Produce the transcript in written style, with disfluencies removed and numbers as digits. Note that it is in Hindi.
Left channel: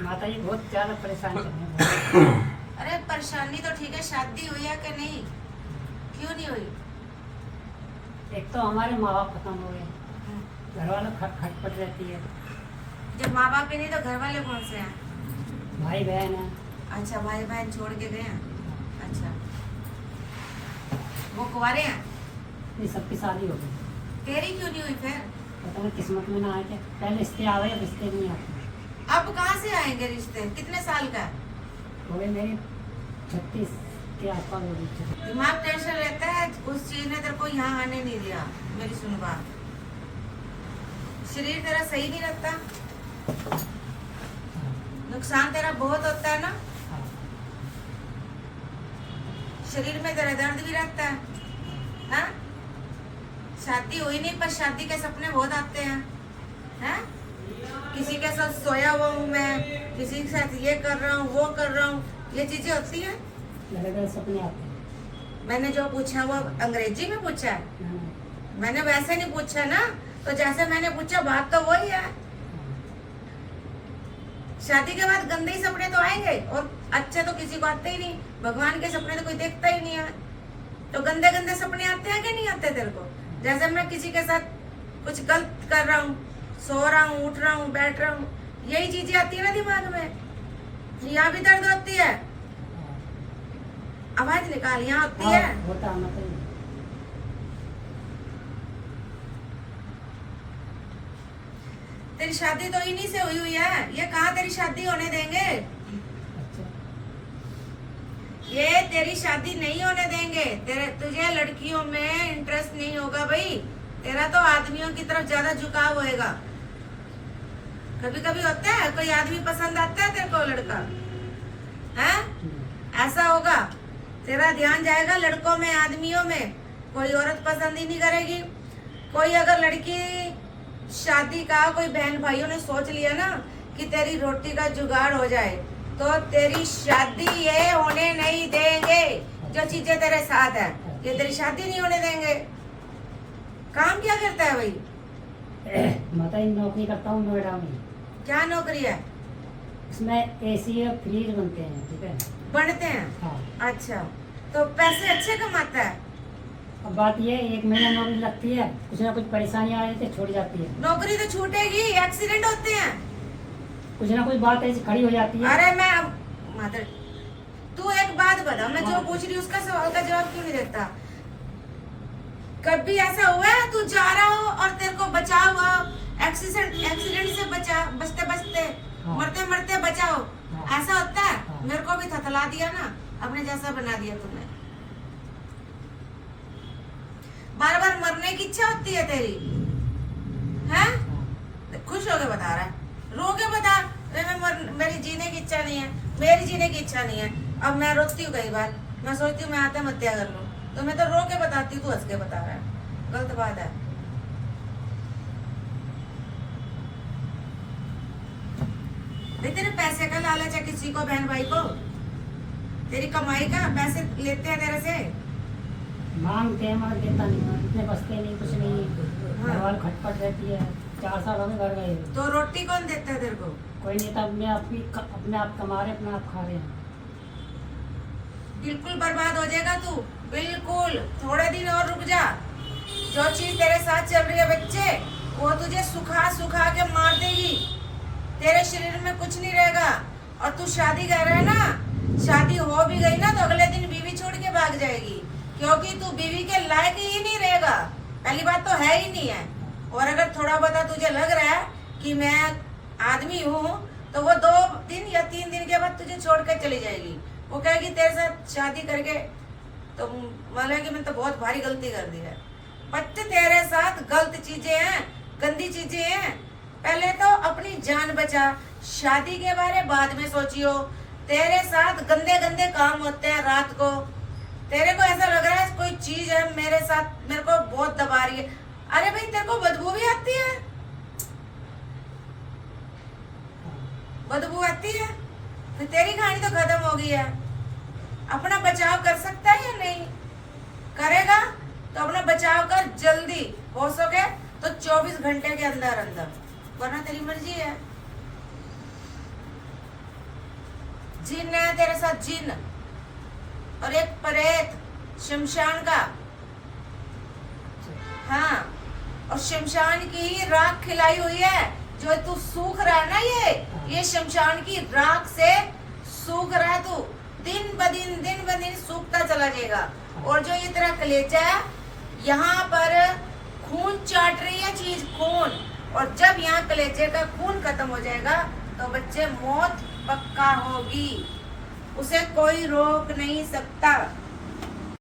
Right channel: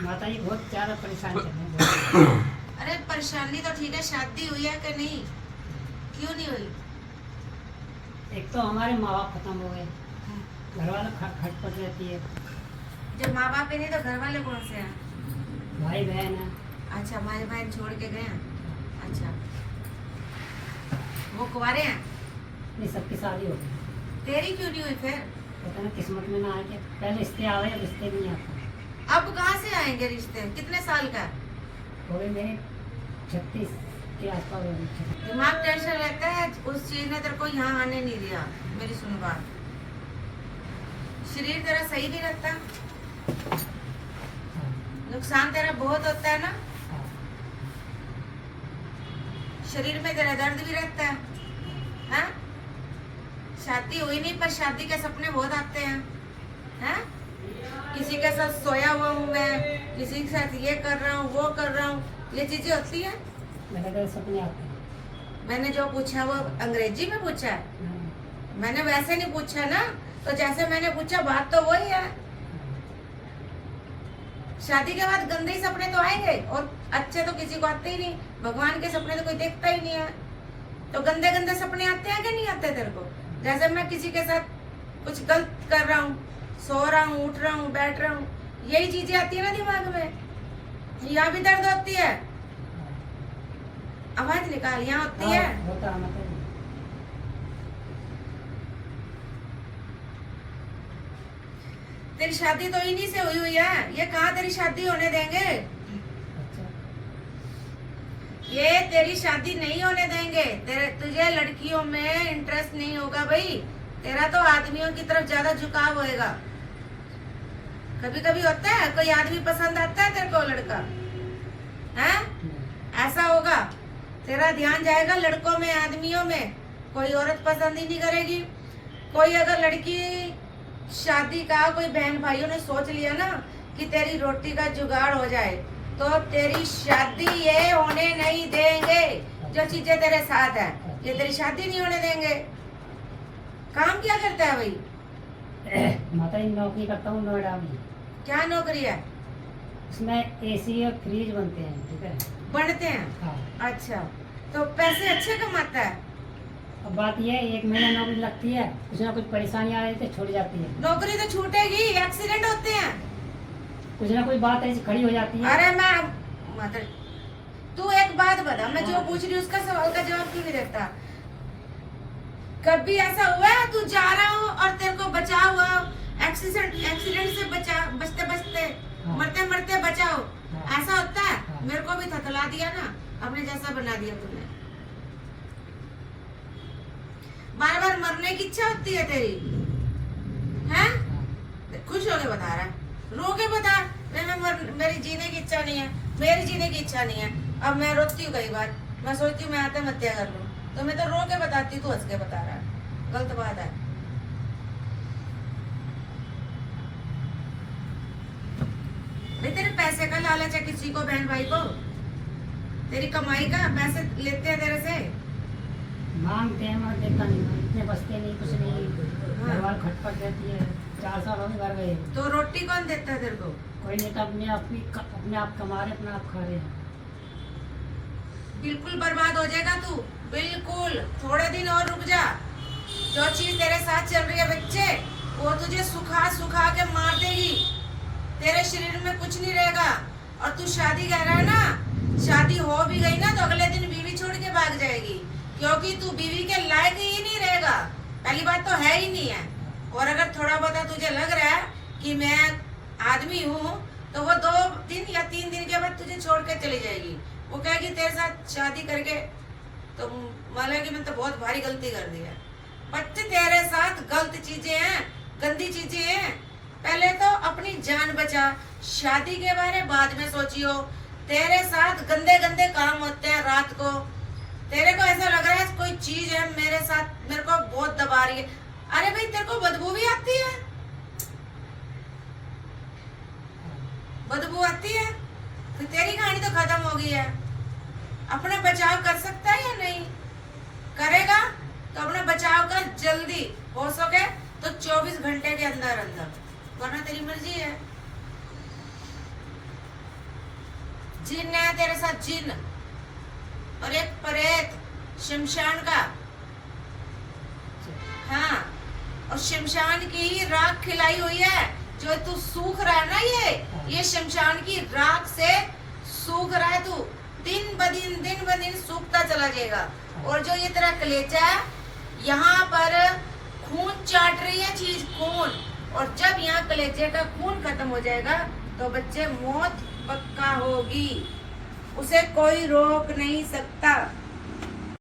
माता जी बहुत ज्यादा परेशान कर रहे हैं। अरे परेशानी तो ठीक है, शादी हुई है कि नहीं? क्यों नहीं हुई? एक तो हमारे माँ बाप खत्म हो गए, घर वालों खटपट रहती है, जब माँ बाप ही नहीं तो घर वाले कौन से हैं? भाई बहन है। अच्छा, भाई बहन छोड़ के गए हैं। अच्छा, वो कुंवारे हैं? ये सबकी शादी हो गई। तेरी क्यों नहीं हुई फिर? पता नहीं किस्मत में ना आए थे, पहले रिश्ते आ गए, अब रिश्ते नहीं आते। अब कहाँ से आएंगे रिश्ते? कितने साल का? हो गई मेरी 36 के आसपास हो गई। दिमाग टेंशन रहता है, उस चीज ने तेरे को यहाँ आने नहीं दिया। मेरी सुन बात, शरीर तेरा सही नहीं रहता, नुकसान तेरा बहुत होता है ना, हाँ। शरीर में तेरा दर्द भी रहता है, हाँ? शादी हुई नहीं पर शादी के सपने बहुत आते हैं, हैं? किसी के साथ सोया हुआ हूँ मैं, किसी के साथ ये कर रहा हूँ, वो कर रहा हूँ, ये चीजें होती हैं। लगातार सपने आते हैं। मैंने जो पूछा वो अंग्रेजी में पूछा है, मैंने वैसे नहीं पूछा ना, तो जैसे मैंने पूछा बात तो वही है। शादी के बाद गंदे ही सपने तो आएंगे, और अच्छे तो किसी को आते ही नहीं, भगवान के सपने तो कोई देखता ही नहीं है। तो गंदे गंदे सपने आते हैं कि नहीं आते तेरे को? जैसे मैं किसी के साथ कुछ गलत कर रहा हूँ, सो रहा हूँ, उठ रहा हूँ, बैठ रहा हूँ, यही चीजें आती है ना दिमाग में। यहाँ भी दर्द होती है, आवाज निकाल, यहाँ होती है। होता है मतलब। तेरी शादी तो इन्हीं से हुई है, ये कहाँ तेरी शादी होने देंगे? ये तेरी शादी नहीं होने देंगे। तुझे लड़कियों में इंटरेस्ट नहीं होगा भाई, तेरा तो आदमियों की तरफ ज्यादा झुकाव होएगा। कभी कभी होता है कोई आदमी पसंद आता है तेरे को, लड़का है, ऐसा होगा, तेरा ध्यान जाएगा लड़कों में, आदमियों में। कोई औरत पसंद ही नहीं करेगी। कोई अगर लड़की शादी का, कोई बहन भाइयों ने सोच लिया ना कि तेरी रोटी का जुगाड़ हो जाए, तो तेरी शादी ये होने नहीं देंगे। जो चीजें तेरे साथ है, ये तेरी शादी नहीं होने देंगे। काम क्या करता है भाई? माता जी नौकरी करता हूँ नोएडा में। क्या नौकरी है? उसमें एसी और फ्रिज बनते हैं, ठीक है। बनते हैं? हाँ। अच्छा, तो पैसे अच्छे कमाता है? अब बात ये है, 1 महीना नौकरी लगती है, कुछ ना कुछ परेशानी आ जाती है, छूट जाती है। नौकरी तो छूटेगी, एक्सीडेंट होते हैं, कुछ ना कुछ बात ऐसी खड़ी हो जाती है। अरे मैं माता, तू एक बात बता, मैं जो पूछ रही हूँ उसका सवाल का जवाब क्यों नहीं देता? कभी ऐसा हुआ है तू जा रहा हो और तेरे को बचाव हुआ, एक्सीडेंट से बचते बचते, हाँ। मरते मरते बचाओ, हाँ। ऐसा होता है? हाँ। मेरे को भी थथला दिया ना, अपने जैसा बना दिया तूने। बार बार मरने की इच्छा होती है तेरी, हैं? खुश होके बता रहा है, रो के बता मेरी जीने की इच्छा नहीं है, मेरी जीने की इच्छा नहीं है। अब मैं रोती हूँ कई बार, मैं सोचती हूँ मैं आत्महत्या कर लूं, तो मैं तो रो के बताती हूँ, तू हंस के बता रहा है, गलत बात है। भाई तेरे पैसे का लालच है किसी को, बहन भाई को? तेरी कमाई का पैसे लेते हैं तेरे से? मांगते हैं मगर देता नहीं, इतने बचते नहीं, कुछ नहीं। हाँ। घर वाली खटपट रहती है, 4 साल हो गए घर गए। तो रोटी कौन देता है तेरे को? कोई नहीं, तो अपने आप कमा रहे, अपना आप खा रहे हैं। बिल्कुल बर्बाद हो जाएगा तू, बिल्कुल। थोड़े दिन और रुक जा, जो चीज तेरे साथ चल रही है बच्चे, वो तुझे सुखा सुखा के मार देगी, तेरे शरीर में कुछ नहीं रहेगा। और तू शादी कर रहा है ना, शादी हो भी गई ना तो अगले दिन बीवी छोड़ के भाग जाएगी, क्योंकि तू बीवी के लायक ही नहीं रहेगा। पहली बात तो है ही नहीं है, और अगर थोड़ा बहुत तुझे लग रहा है कि मैं आदमी हूँ, तो वो 2 दिन या 3 दिन के बाद तुझे छोड़ कर चली जाएगी। वो कहेगी तेरे साथ शादी करके तो माना कि मैं तो बहुत भारी गलती कर दी है। बच्चे तेरे साथ गलत चीजें हैं, गंदी चीजें हैं। पहले तो अपनी जान बचा, शादी के बारे बाद में सोचियो। तेरे साथ गंदे गंदे काम होते हैं रात को, तेरे को ऐसा लग रहा है कोई चीज है मेरे साथ, मेरे को बहुत दबा रही है। अरे भाई तेरे को बदबू भी आती है, बदबू आती है, फिर तेरी कहानी तो खत्म हो गई है। अपना बचाव कर सकता है या नहीं? करेगा तो अपना बचाव कर जल्दी, हो सके तो 24 घंटे के अंदर अंदर, वरना तेरी मर्जी है। जिन है तेरे साथ, जिन, और एक प्रेत शमशान का। हाँ, और शमशान की ही राख खिलाई हुई है। जो तू सूख रहा है ना, ये शमशान की राख से सूख रहा है तू। दिन ब दिन सूखता चला जाएगा। और जो ये तेरा कलेजा है, यहाँ पर खून चाट रही है चीज, खून। और जब यहाँ कलेजे का खून खत्म हो जाएगा तो बच्चे मौत पक्का होगी, उसे कोई रोक नहीं सकता।